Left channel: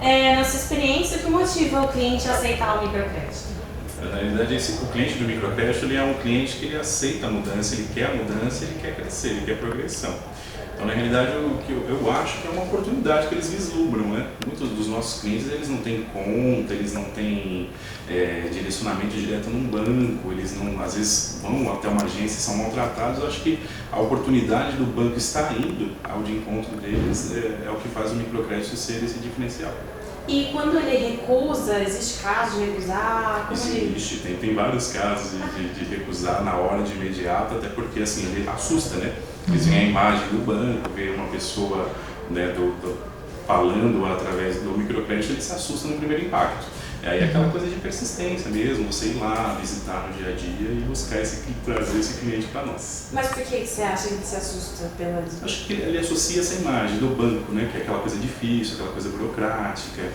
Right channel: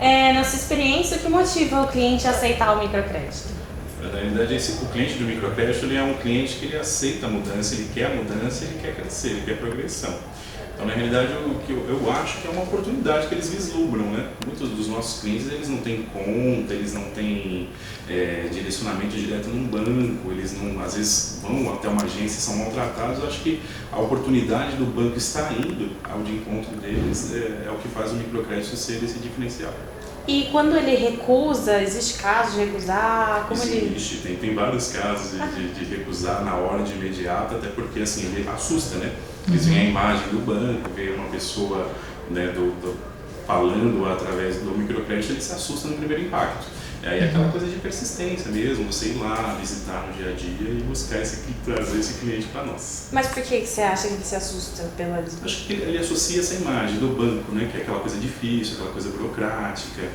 na sua experiência, o que motiva o cliente a aceitar o microcrédito? Na realidade, o cliente do microcrédito ele é um cliente que ele aceita a mudança, ele quer a mudança, ele quer crescer, ele quer progressão. Então, na realidade, o que eu acho que é uma oportunidade que eles vislumbram, né? Muitos dos nossos clientes, eles não têm conta, eles não têm direcionamento direto num banco, eles não, às vezes vão até uma agência e são maltratados. Eu acho que a oportunidade do banco estar indo ao de encontro deles é o que faz o microcrédito ser esse diferencial. E quando ele recusa, existe caso de recusar? Existe, tem vários casos de recusar na hora, de imediato, até porque assim, ele assusta, né? Eles veem a imagem do banco, vê uma pessoa, né, falando através do microcrédito, ele se assusta no primeiro impacto. E aí é aquela coisa de persistência mesmo, você ir lá, visitar no dia a dia e buscar trazer esse cliente para nós. Mas por que você acha que ele se assusta pela... Acho que ele associa essa imagem do banco, né, que é aquela coisa difícil, aquela coisa burocrática,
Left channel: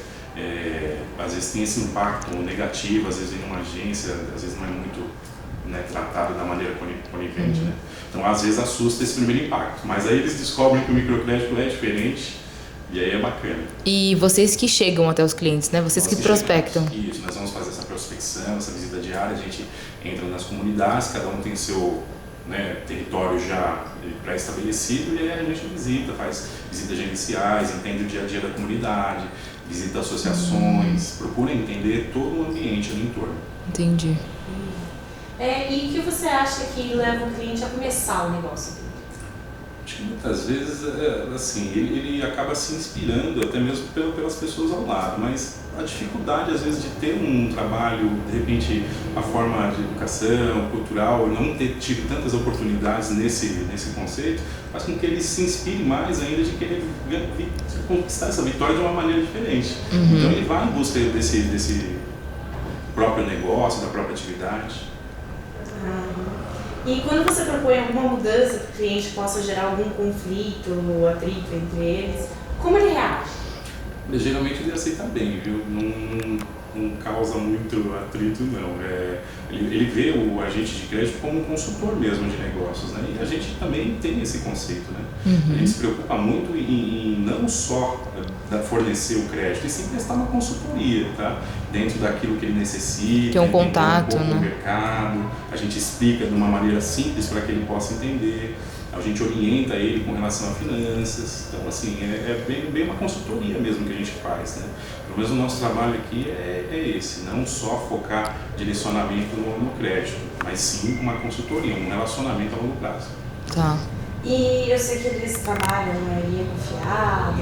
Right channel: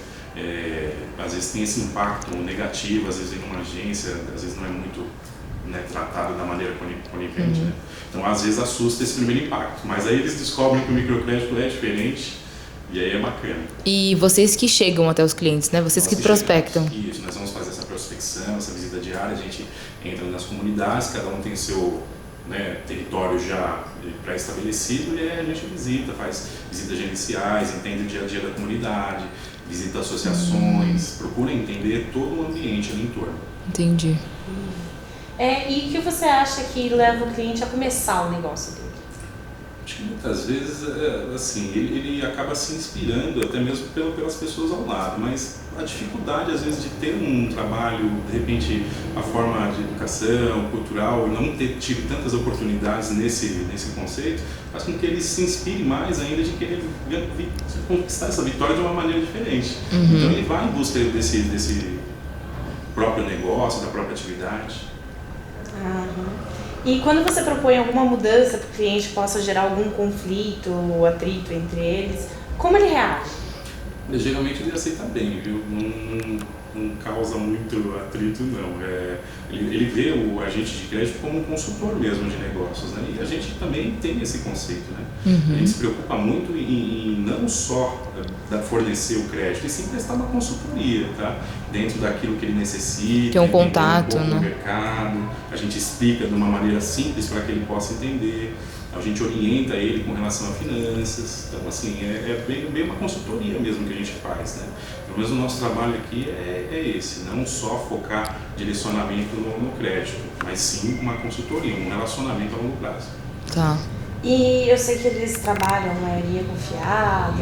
às vezes tem esse impacto negativo, às vezes em uma agência, às vezes não é muito, né, tratado da maneira conivente, né? Então às vezes assusta esse primeiro impacto, mas aí eles descobrem que o microcrédito é diferente e aí é bacana. E vocês que chegam até os clientes, né? Vocês que prospectam. Isso, nós vamos fazer essa prospecção, essa visita diária, a gente entra nas comunidades, cada um tem seu, né, território já pré-estabelecido e aí a gente faz visitas gerenciais, entende o dia a dia da comunidade, visita associações, procura entender todo o ambiente ali em torno. Entendi. E o que você acha que leva o cliente a começar o negócio dele? Acho que muitas vezes, assim, ele acaba se inspirando até mesmo pelas pessoas ao lado, mas a dificuldade às vezes de ter um trabalho, de repente a forma de educação cultural, não ter tido tantas oportunidades nesse conceito, faz com que ele se inspire mais ainda de querer conquistar essa vitória de uma maneira diferente. Então ele vai em busca desse próprio negócio, da própria atividade. E quando você propõe alguma mudança para o cliente que possa gerar algum conflito ou atrito entre eles, como ele reage? Geralmente ele aceita bem, viu? Não causa muito atrito, não. Ele vê o agente de crédito como um consultor mesmo de negócios, né? E a gente também tem esse conceito, né? A gente se preocupa muito em não só fornecer o crédito, e sim prestar uma consultoria, tá? Dentro daquilo que ele necessita. Tem um contato, né? No mercado, a gente explica de uma maneira simples para que ele possa entender. A gente orienta ele com relação a finanças. Então, assim, é bem uma consultoria mesmo que a gente faz, né? Pelo menos o nosso trabalho aqui é esse, não só focar direcionamento no crédito, mas sim uma consultoria, um relacionamento a longo prazo. Tá. E eu sei que eles trabalham, a maioria confiado.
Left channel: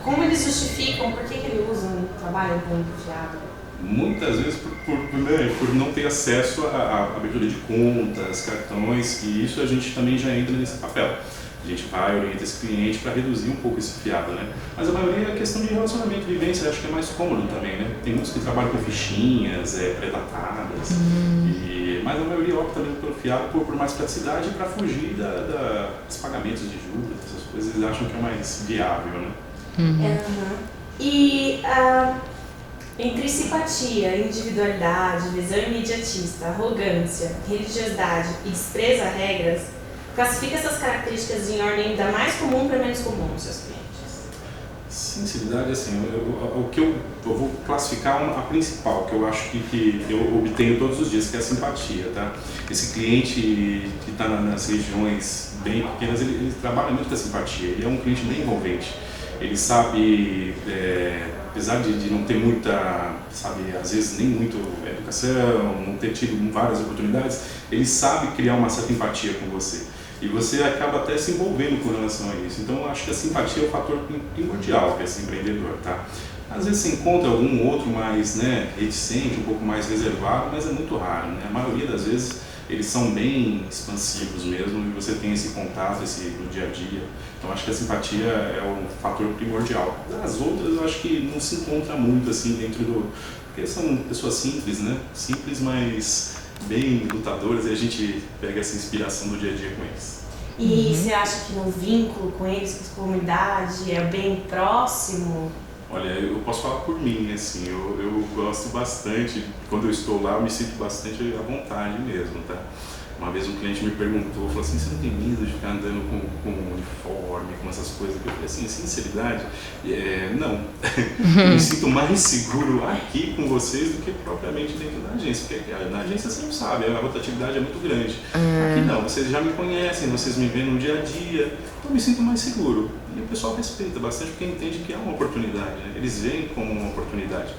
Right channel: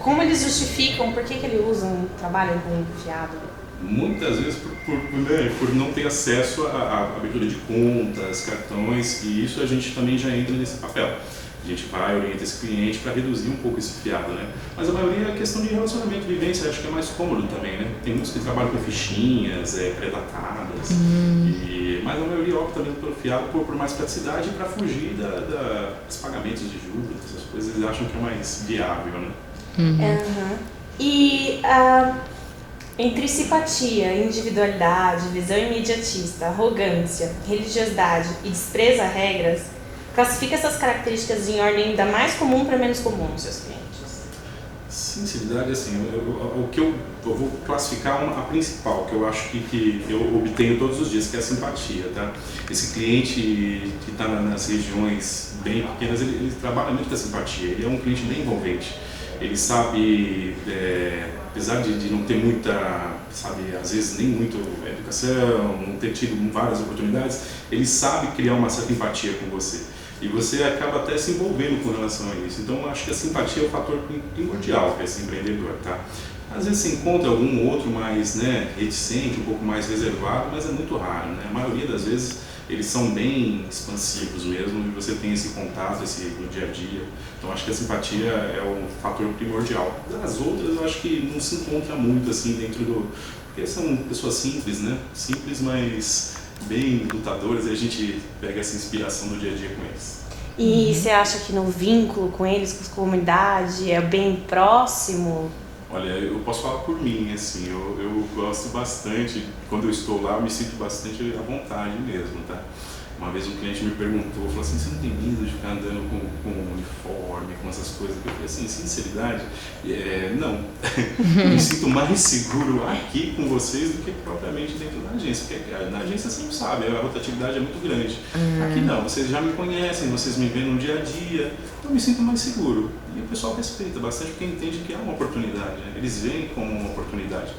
Como eles justificam, por que eles trabalham com confiado? Muitas vezes por não ter acesso à abertura de contas, cartões, e isso a gente também já entra nesse papel. A gente vai, orienta esse cliente para reduzir um pouco esse fiado, né? Mas a maioria é questão de relacionamento, vivência, acho que é mais cômodo também, né? Tem muitos que trabalham com fichinhas pré-datadas, mas a maioria opta mesmo pelo fiado por mais praticidade para fugir dos pagamentos de juros, essas coisas, eles acham que é mais viável, né? E entre simpatia, individualidade, visão imediatista, arrogância, religiosidade e desprezo a regras, classifica essas características em ordem da mais comum para menos comum nos seus clientes. Sinceridade, assim, o que eu vou classificar a principal, que eu acho que eu obtenho todos os dias, que é a simpatia, tá? Esse cliente que está nas regiões bem pequenas, ele trabalha muito com a simpatia, ele é um cliente bem envolvente. Ele sabe, apesar de não ter muita, sabe, às vezes nem muito educação, não ter tido várias oportunidades, ele sabe criar uma certa empatia com você. E você acaba até se envolvendo com relação a isso. Então, eu acho que a simpatia é o fator primordial para esse empreendedor, tá? Às vezes você encontra algum outro mais, né, reticente, um pouco mais reservado, mas é muito raro, né? A maioria das vezes eles são bem expansivos mesmo e você tem esse contato no dia a dia. Então, acho que a simpatia é o fator primordial. As outras, eu acho que não se encontra muito assim dentro porque são pessoas simples, né? Simples, mas bem lutadoras, e a gente pega essa inspiração do dia a dia com eles. E você acha que no vínculo com eles, com a comunidade, é bem próximo? Olha, eu posso falar por mim, assim, eu gosto bastante, quando eu estou lá eu me sinto bastante à vontade mesmo, tá? Uma vez um cliente me perguntou, falou assim, você não tem medo de ficar andando com uniforme, com essas coisas? Eu falei assim, sinceridade, não. Eu me sinto mais seguro aqui com vocês do que propriamente dentro da agência, porque na agência você não sabe, a rotatividade é muito grande. Aqui não, vocês já me conhecem, vocês me veem no dia a dia, então eu me sinto mais seguro. E o pessoal respeita bastante porque entende que é uma oportunidade, né? Eles veem como uma oportunidade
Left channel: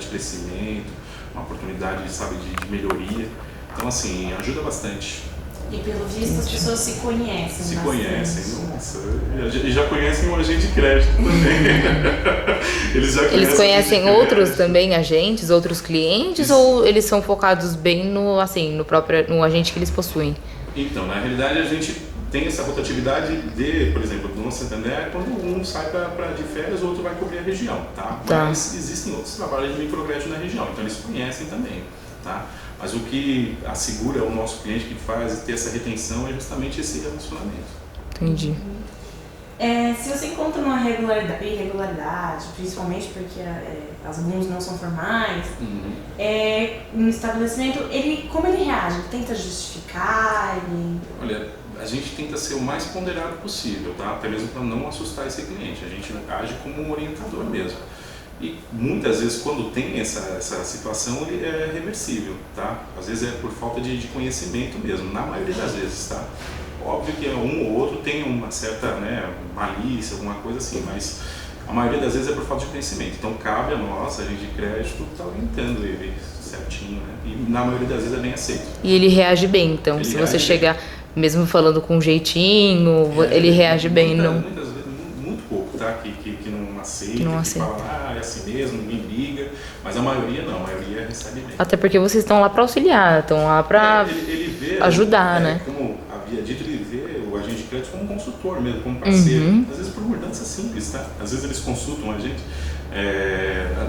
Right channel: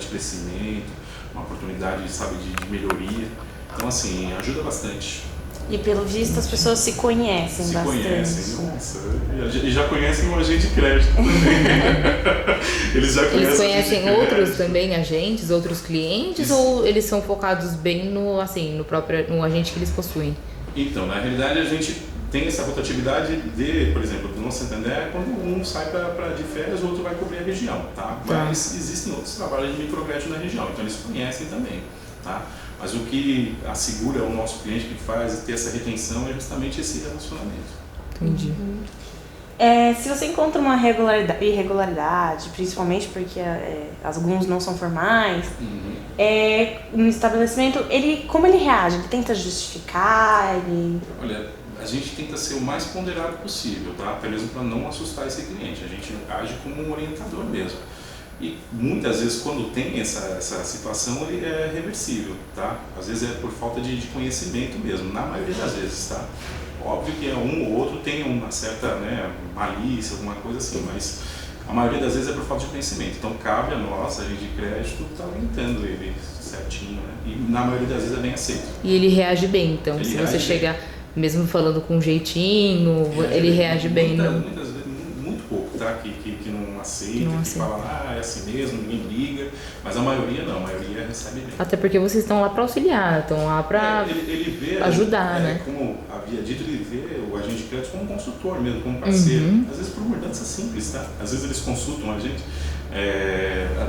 de crescimento, uma oportunidade, sabe, de melhoria. Então, assim, ajuda bastante. E pelo visto as pessoas se conhecem bastante. Conhecem, nossa. E já conhecem o agente de crédito também. Eles conhecem outros também agentes, outros clientes, ou eles são focados bem no agente que eles possuem? Então, na realidade a gente tem essa rotatividade por exemplo, do nosso Santander, quando um sai de férias, o outro vai cobrir a região, tá? Mas existem outros trabalhos de microcrédito na região, então eles conhecem também, tá? Mas o que assegura o nosso cliente que faz ter essa retenção é justamente esse relacionamento. Entendi. Se você encontra uma irregularidade, principalmente porque alguns não são formais, no estabelecimento, como ele reage? Ele tenta justificar? Olha, a gente tenta ser o mais ponderado possível, tá? Até mesmo para não assustar esse cliente. A gente age como um orientador mesmo. E muitas vezes, quando tem essa situação, ele é reversível, tá? Às vezes é por falta de conhecimento mesmo, na maioria das vezes, tá? Óbvio que um ou outro tem uma certa, malícia, alguma coisa assim, mas a maioria das vezes é por falta de conhecimento. Então cabe a nós, a gente de crédito, estar orientando ele certinho, né? E na maioria das vezes é bem aceito. E ele reage bem, então, ele se você chegar, mesmo falando com um jeitinho, ele reage bem, não? Muitas vezes, muito pouco, tá? Que não aceita, que fala, é assim mesmo, ninguém liga, mas a maioria não, a maioria recebe bem. Até porque vocês estão lá para auxiliar, estão lá para ajudar, né? Como havia dito, ele vê o agente de crédito como consultor mesmo, como parceiro. Às vezes por mudança simples, tá? Às vezes eles consultam a gente.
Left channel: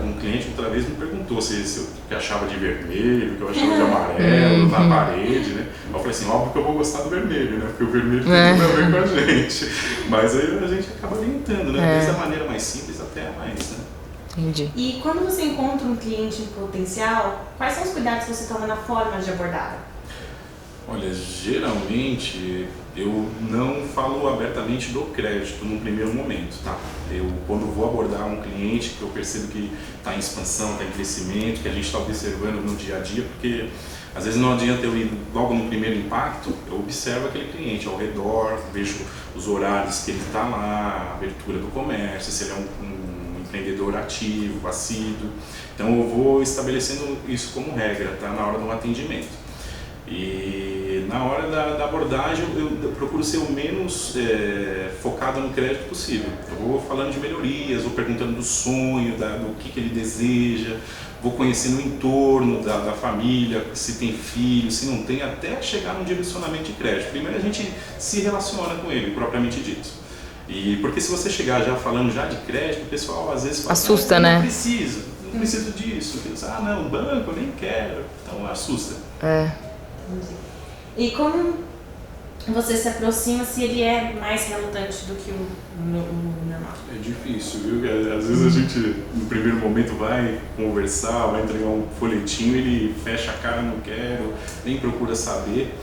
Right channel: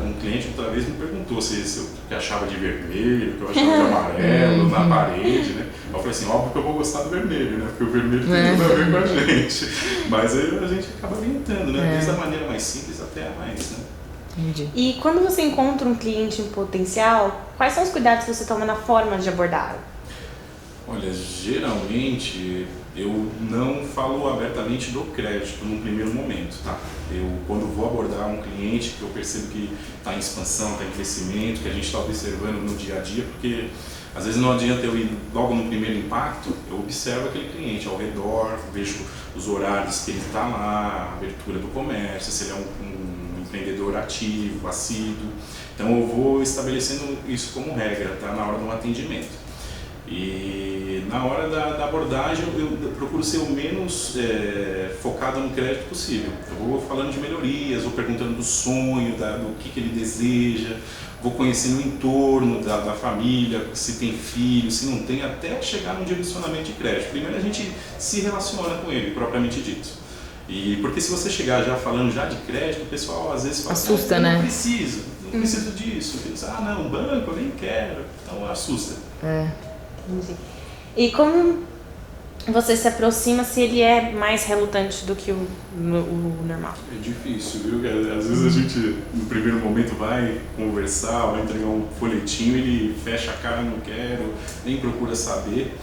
Um cliente outra vez me perguntou se eu achava de vermelho, que eu achava de amarelo na parede, né? Eu falei assim, óbvio que eu vou gostar do vermelho, né? Porque o vermelho tem tudo a ver com a gente. Mas aí a gente acaba orientando, né? Desde a maneira mais simples até a mais, né? Entendi. E quando você encontra um cliente em potencial, quais são os cuidados que você toma na forma de abordá-lo? Olha, geralmente eu não falo abertamente do crédito num primeiro momento, tá? Quando vou abordar um cliente que eu percebo que está em expansão, está em crescimento, que a gente está observando no dia a dia, porque às vezes não adianta eu ir logo no primeiro impacto, eu observo aquele cliente ao redor, vejo os horários que ele está lá, a abertura do comércio, se ele é um empreendedor ativo, assíduo. Então eu vou estabelecendo isso como regra, tá? Na hora do atendimento. E na hora da abordagem eu procuro ser o menos focado no crédito possível. Eu vou falando de melhorias, vou perguntando do sonho, do que ele deseja, vou conhecendo o entorno da família, se tem filho, se não tem, até chegar no direcionamento de crédito. Primeiro a gente se relaciona com ele, propriamente dito. E porque se você chegar já falando já de crédito, o pessoal às vezes fala, assusta, né? Não preciso disso. Não, banco, eu nem quero. Então assusta. E como você se aproxima se ele é mais relutante do que o normal? É difícil, viu? Às vezes a gente, no primeiro momento, vai conversar, vai entregar um folhetinho, ele fecha a cara, não quero, nem procura saber.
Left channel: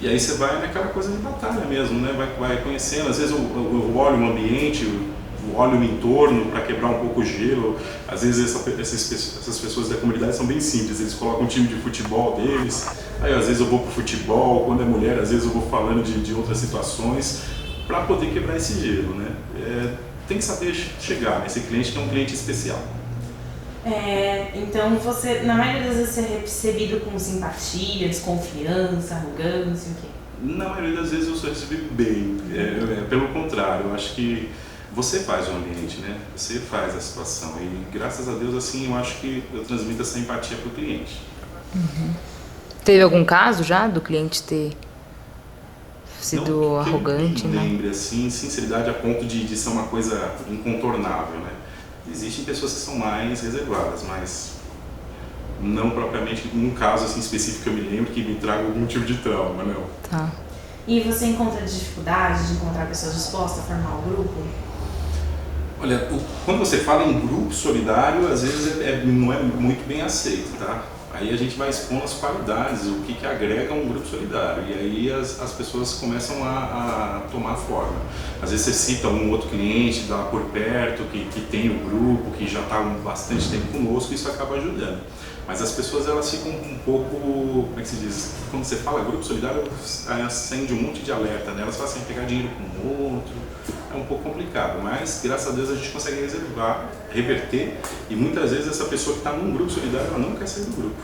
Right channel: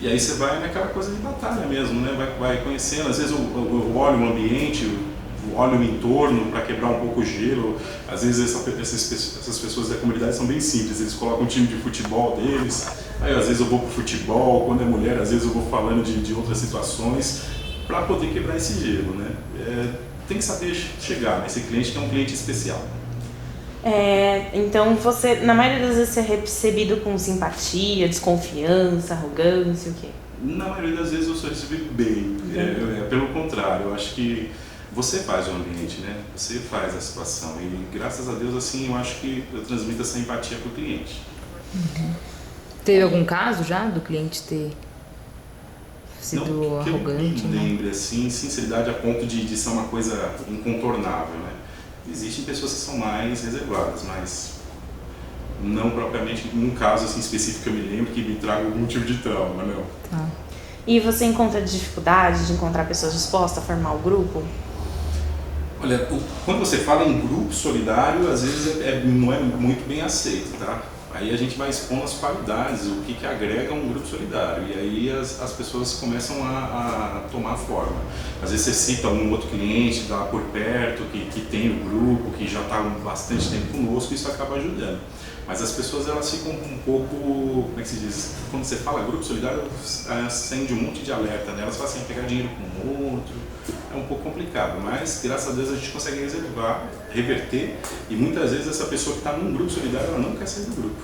E aí você vai naquela coisa de batalha mesmo, né? Vai conhecendo. Às vezes eu olho o ambiente, olho o entorno para quebrar um pouco o gelo. Às vezes essas pessoas da comunidade são bem simples, eles colocam um time de futebol deles. Aí às vezes eu vou pro futebol, quando é mulher, às vezes eu vou falando de outras situações para poder quebrar esse gelo, né? Tem que saber chegar nesse cliente que é um cliente especial. Então você, na maioria das vezes, você é recebido com simpatia, desconfiança, arrogância, o quê? Na maioria das vezes eu sou recebido bem, pelo contrário, eu acho que você faz o ambiente, né? Você faz a situação e graças a Deus assim eu acho que eu transmito essa empatia para o cliente. Teve algum caso já do cliente ter sido arrogante? Não, que eu me lembre assim, sinceridade a ponto de ser uma coisa incontornável, né? Existem pessoas que são mais reservadas, mas não propriamente num caso assim específico que eu me lembro que me traga algum tipo de trauma, não. Tá. E você encontra dificuldade de encontrar pessoas dispostas a formar o grupo? Olha, quando você fala em grupo solidário, às vezes não é muito bem aceito, tá? Aí a gente vai expondo as qualidades, o que agrega um grupo solidário. E aí as pessoas começam a tomar forma. Às vezes você cita um outro cliente lá por perto, que tem o grupo, que já está há bastante tempo conosco, isso acaba ajudando. Mas as pessoas elas ficam um pouco, como é que se diz? Quando você fala grupo solidário, acende um monte de alerta, né? Elas falam assim, pegar dinheiro com o outro, é um pouco complicado. Mas graças a Deus a gente consegue reverter, e muitas vezes essa pessoa que está num grupo solidário, ela não quer sair do grupo.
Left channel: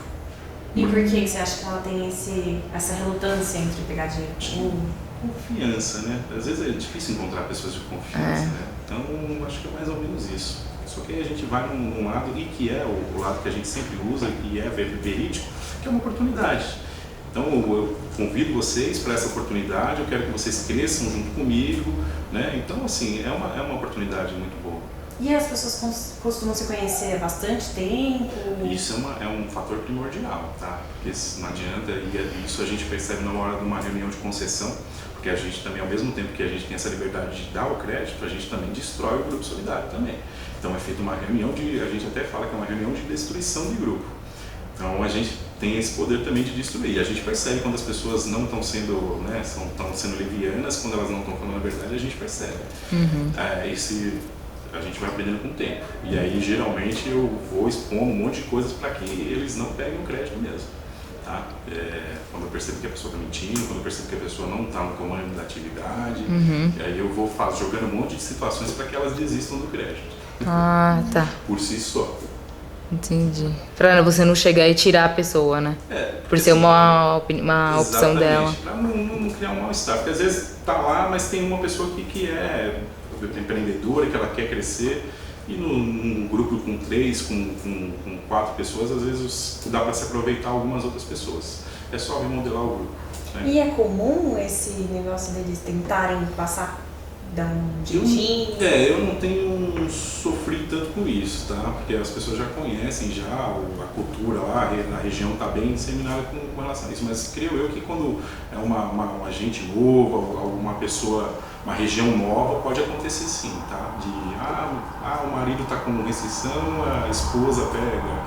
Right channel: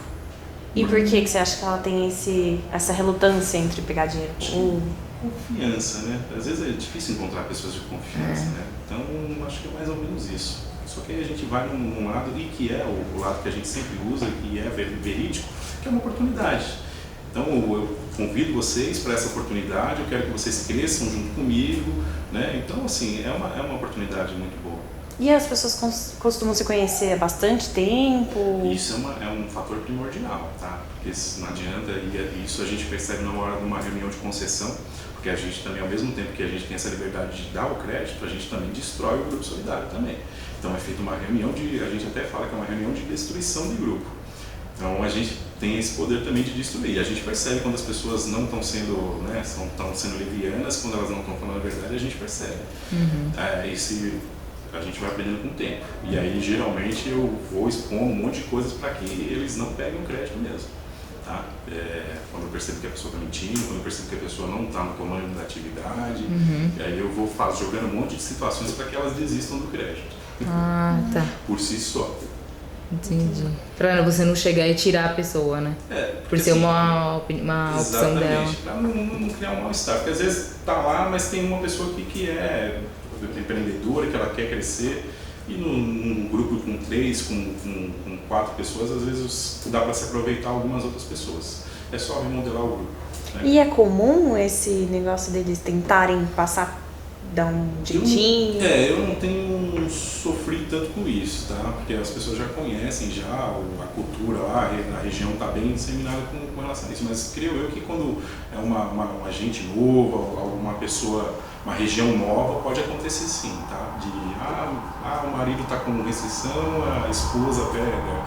E por que você acha que ela tem essa relutância entre pegar dinheiro com o outro? Confiança, né? Às vezes é difícil encontrar pessoas de confiança, né? Então acho que é mais ou menos isso. Só que aí a gente vai num lado, e que é o lado que a gente sempre usa, que é verídico, que é uma oportunidade. Então eu convido vocês para essa oportunidade, eu quero que vocês cresçam junto comigo, né? Então assim, é uma oportunidade muito boa. E as pessoas costumam se conhecer há bastante tempo? Isso é um fator primordial, tá? Porque não adianta, e isso a gente percebe na hora de uma reunião de concessão, porque a gente também, ao mesmo tempo que a gente tem essa liberdade de dar o crédito, a gente também destrói o grupo solidário também. Então é feita uma reunião a gente até fala que é uma reunião de destruição de grupo. Então a gente tem esse poder também de destruir. A gente percebe quando as pessoas não estão sendo, né, estão sendo levianas, quando elas não estão falando a verdade, a gente percebe. A gente vai aprendendo com o tempo. E aí, geralmente, eu vou expor um monte de coisas para que eles não peguem o crédito mesmo. Tá? Quando eu percebo que a pessoa está mentindo, quando eu percebo que a pessoa não está no comando da atividade, e aí eu vou jogando um monte de situações para que elas desistam do crédito. Ah, tá. Por si só. Entendi. Pra você não chegar e tirar a pessoa, né? Por ser uma opção dela. Pra não criar um mal-estar. Porque às vezes tá lá, mas tem uma pessoa que é empreendedora, que ela quer crescer, e num grupo com 3, com 4 pessoas, às vezes dá para se aproveitar algumas outras pessoas. É só remodelar o grupo. Né? E é comum esse negócio deles tentarem dar um jeitinho? Eu não tenho sofrido tanto com isso, tá? Porque as pessoas já conhecem a cultura lá, a região está bem disseminada com relação a isso. Mas creio eu que quando é um agente novo, alguma pessoa, uma região nova, pode acontecer sim, tá? O marido está com restrição, a esposa pega,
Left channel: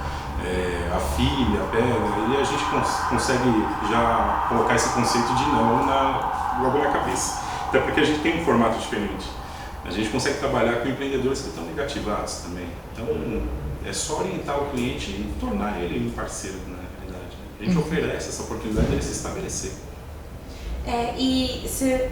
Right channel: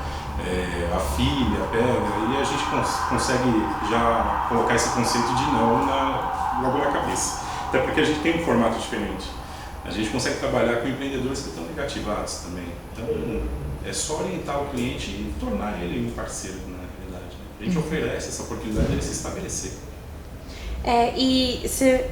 a filha pega, e a gente consegue já colocar esse conceito de não logo na cabeça. Até porque a gente tem um formato diferente. A gente consegue trabalhar com empreendedores que estão negativados também. Então, é só orientar o cliente e tornar ele um parceiro, na realidade. Né? A gente oferece essa oportunidade de ele se estabelecer. E você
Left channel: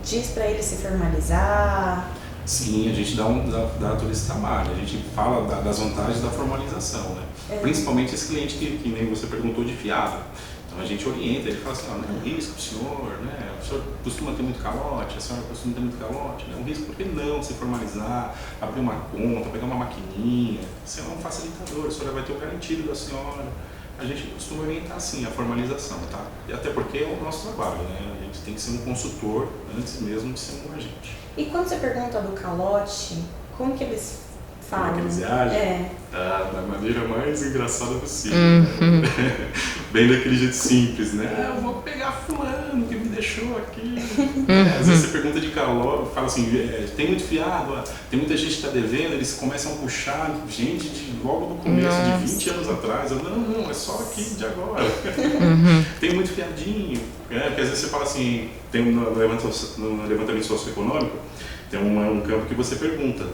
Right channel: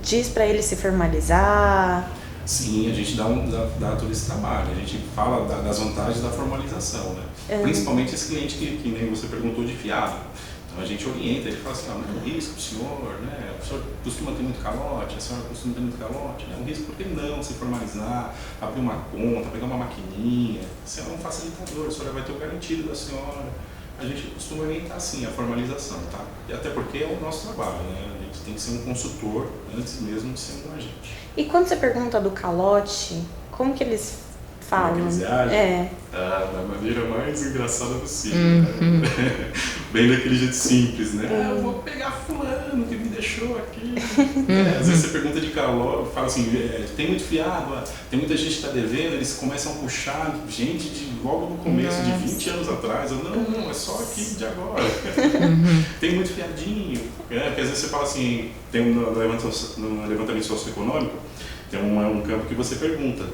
diz para ele se formalizar? Sim, a gente dá todo esse trabalho. A gente fala das vantagens da formalização, né? Principalmente esse cliente que nem você perguntou, de fiado. Então a gente orienta, ele fala assim, não é um risco para o senhor, né? O senhor costuma ter muito calote, a senhora costuma ter muito calote, né? Um risco, por que não se formalizar, abrir uma conta, pegar uma maquininha? Você é um facilitador, a senhora vai ter o garantido da senhora. A gente costuma orientar assim a formalização, tá? E até porque é o nosso trabalho, né? A gente tem que ser um consultor antes mesmo de ser um agente. E quando você pergunta do calote, como que eles falam? Como que eles agem? Da maneira mais engraçada possível, né? Bem daquele jeito simples, né? Eu vou pegar fulano que me deixou aqui. Às vezes você pergunta de calor, fala assim, tem muito fiado, tem muita gente que está devendo, eles começam a puxar gente logo no começo, de 20 anos atrás. Eu, não, é só aqui de agora. Tem muito fiadinho. Porque às vezes você fala assim, tem no levantamento socioeconômico, tem um campo que você pergunta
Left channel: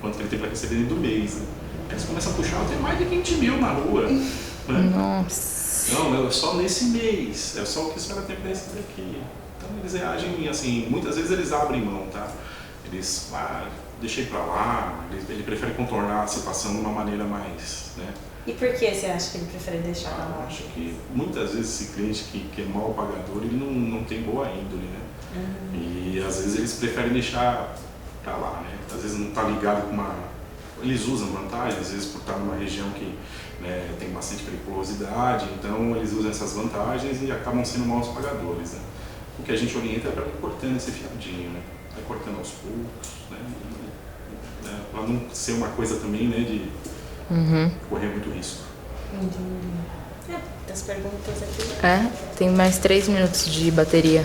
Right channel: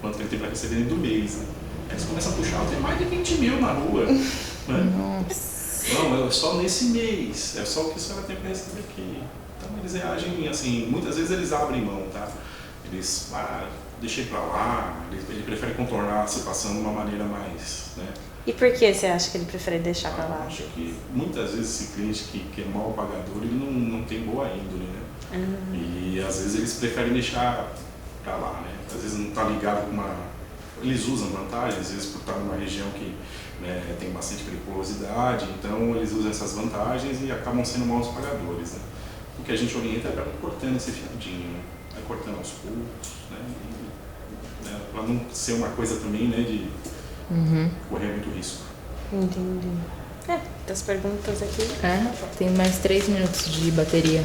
quanto que ele tem para receber dentro do mês. Né? Aí eles começam a puxar, tem mais de 20 mil na rua. Né? Nossa. Não, é só nesse mês, é só o que a senhora tem para receber aqui. Então eles reagem assim, muitas vezes eles abrem mão, tá? Eles, deixei para lá, ele prefere contornar a situação de uma maneira mais, né? E por que você acha que ele prefere deixar para lá? Eu acho que muitas vezes esse cliente que é mau pagador, ele não tem boa índole, né? E às vezes eles preferem deixar para lá, né? Às vezes não está ligado com Eles usam vantagens, às vezes por estar numa região que tem bastante periculosidade, então eles usam essas vantagens e acabam sendo maus pagadores, né? O que a gente orienta é para ir cortando esse fiadinho, né? Vai cortando aos poucos, né? Para não ser uma coisa também, né, de correr muito risco. Entendi. Das perguntas aqui. Tem mais 3 minutos de bateria.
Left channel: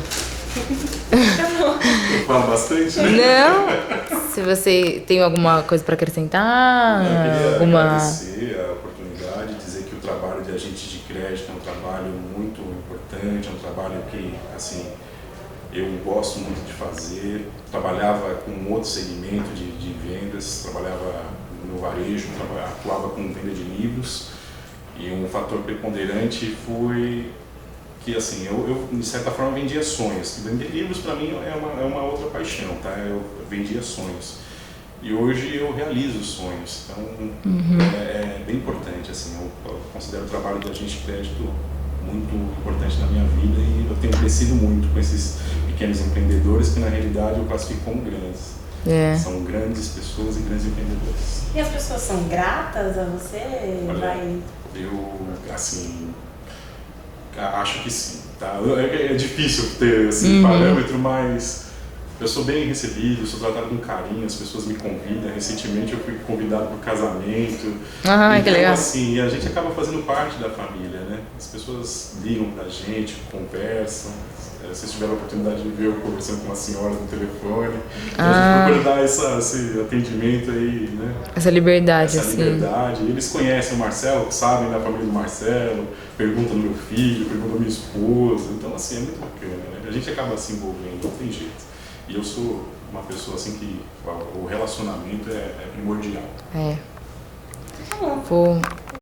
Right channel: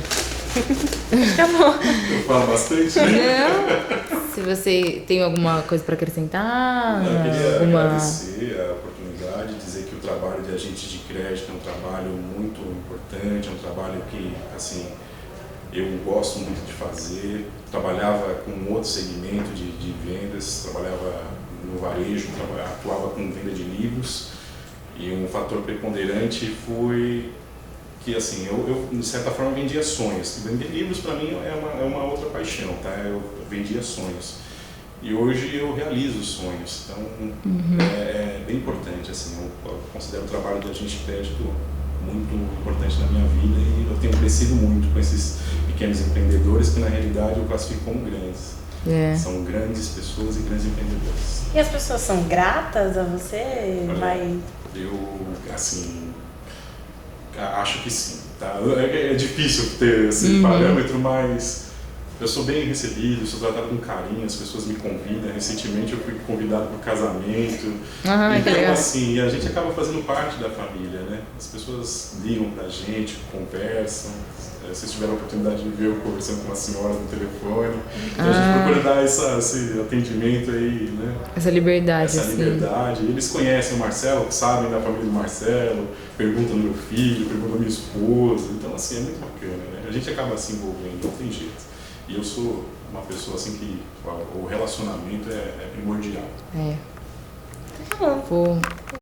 Acabou. Eu falo bastante, né? Não? Se você tem alguma coisa para acrescentar, Eu queria agradecer a oportunidade, dizer que o trabalho de agente de crédito é um trabalho muito importante, é um trabalho que, assim, eu gosto muito de fazer. Trabalhava com outro segmento de vendas, trabalhava no varejo, atuava com venda de livros, e um fator preponderante foi que, assim, eu de certa forma vendia sonhos. Vender livros para mim é uma outra paixão, tá? Eu vendia sonhos. E hoje eu realizo sonhos, então é bem importante, assim, eu considero o trabalho de agente de crédito muito importante na minha vida, e eu tenho crescido muito com esses pequenos empreendedores que na realidade eu classifico como grandes. São grandes pessoas e grandes empreendedores. E as pessoas são gratas a você? Olha, eu, assim, acho que sim, tá? É difícil ter esse parâmetro, mas eu sou bem recebido, sou tratado com carinho, as pessoas me convidam. Recentemente eu fui convidado para o casamento. Que legal. Assim, a gente acaba fazendo parte da família, né? As pessoas ligam pra gente, conversam. Vocês tiveram a oportunidade de ver eu conversando com uma senhora no telefone. Então a gente procura dar esse atendimento aí, né? Essa liberdade, Essa liberdade. Eles conhecem o Marcelo, sabem da família do Marcelo, perguntam do meu filho, perguntam da minha esposa. Então, assim, é muito bacana, né? A gente acaba se envolvendo, não tem jeito. E eu sou uma pessoa assim que o relacionamento é primordial. Vou